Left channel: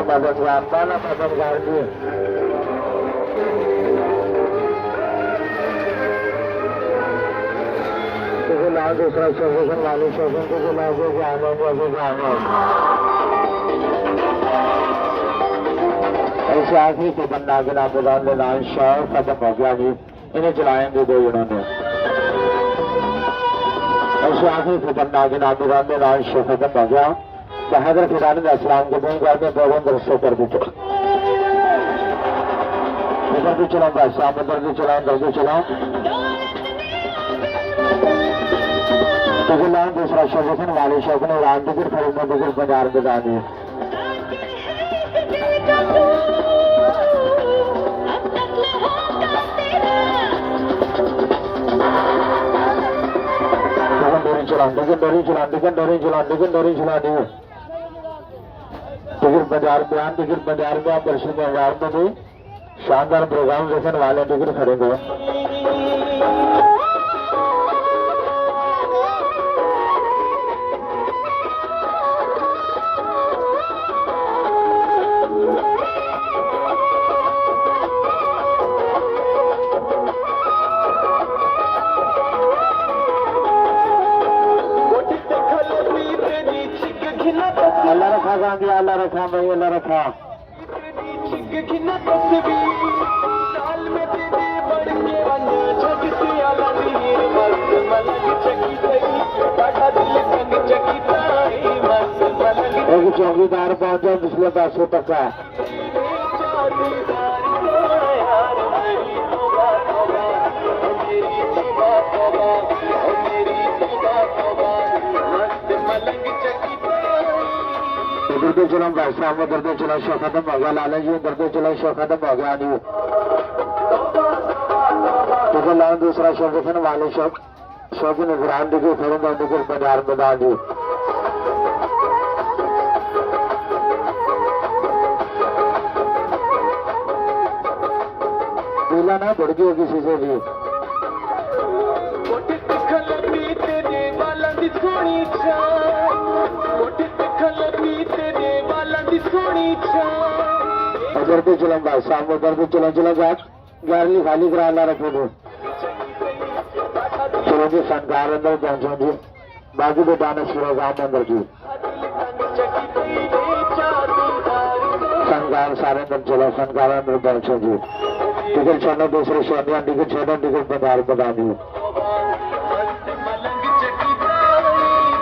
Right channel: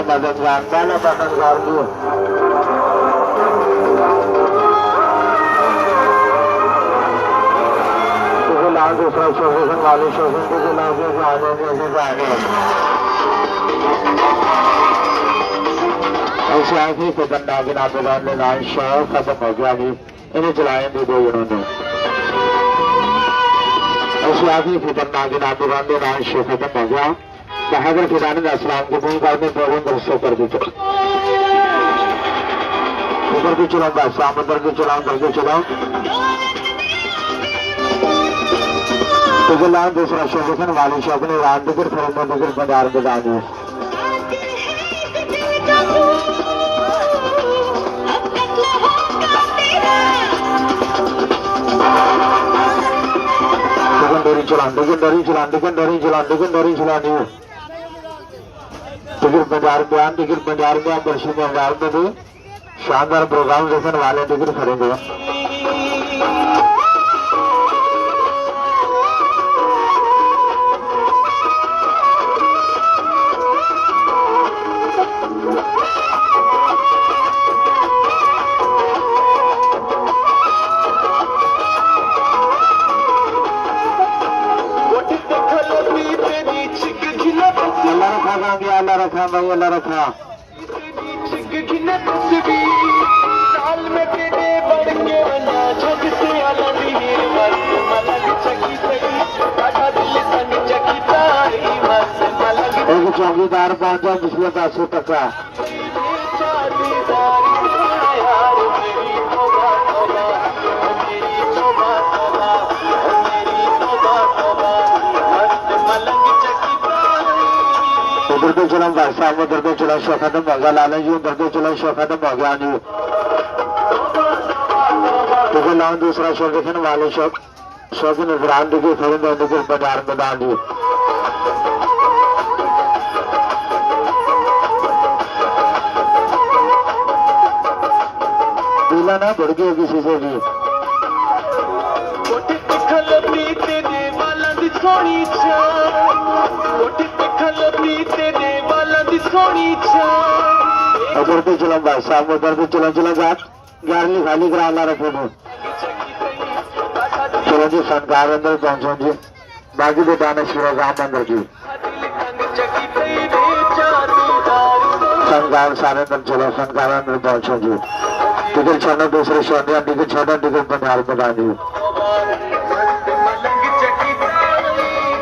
पहला मददगार दिए लाल दूसरा शोषण वाले शोषण को लागे ऐसे आखिरी को बंदा बिना बिगाड़ने लाइन शाह खत्म हो गया जी इन्हें चलाएंगे दो इन्होंने ऐसे आखिरी को बंदा बिना बिगाड़ने लाइन शाह खत्म हो गया बहादुर फिरानी अस्सलाम के नहीं करने प्रबंध रस्ते कर दी उधर भी चलाऊंगा शाम उधर भी चलाऊं उधर भी चलाऊं लाल दूसरा शोभन वाले शोभन राम दिगर फरीदा दिगर बाजार बजा दो डोरी चला डोरी चला डोरी चला डोरी चला दी दिगर बाजार बयान दिगर बाजार में दर्शन बाजार में भी शानदार प्रोग्राम देखने वाले दिगर खरीदे अल्लाह रखा गांधी अल्लाह रखा भाई अल्लाह रखा एक चौकीदार पहुंचा पिछले 500 तक का उधर पे चला साहब उधर पे चला शो खत्म हो गया लाला जी उधर पे चला शो खत्म हो गया नहीं तो लाओ दूसरा शो देखने वाले शो की निगरान देखिए थोड़े निकल बाजार में डाल दी पीला ना बढ़ गई किसी से भी उधर भी चला भाई साहब उधर भी चला चला जा 11वीं खाली करा ला रखो चलो जी फनकार अंदर पहुंचो जी बाकी तो दाने शिरोगाम अंदर की फनकार सारे अंदर चलो फनकार अंदर पहुंचो जी टिकट छोड़ना दूसरे शो टिकट छोड़ना टिकट पंजाब बता दी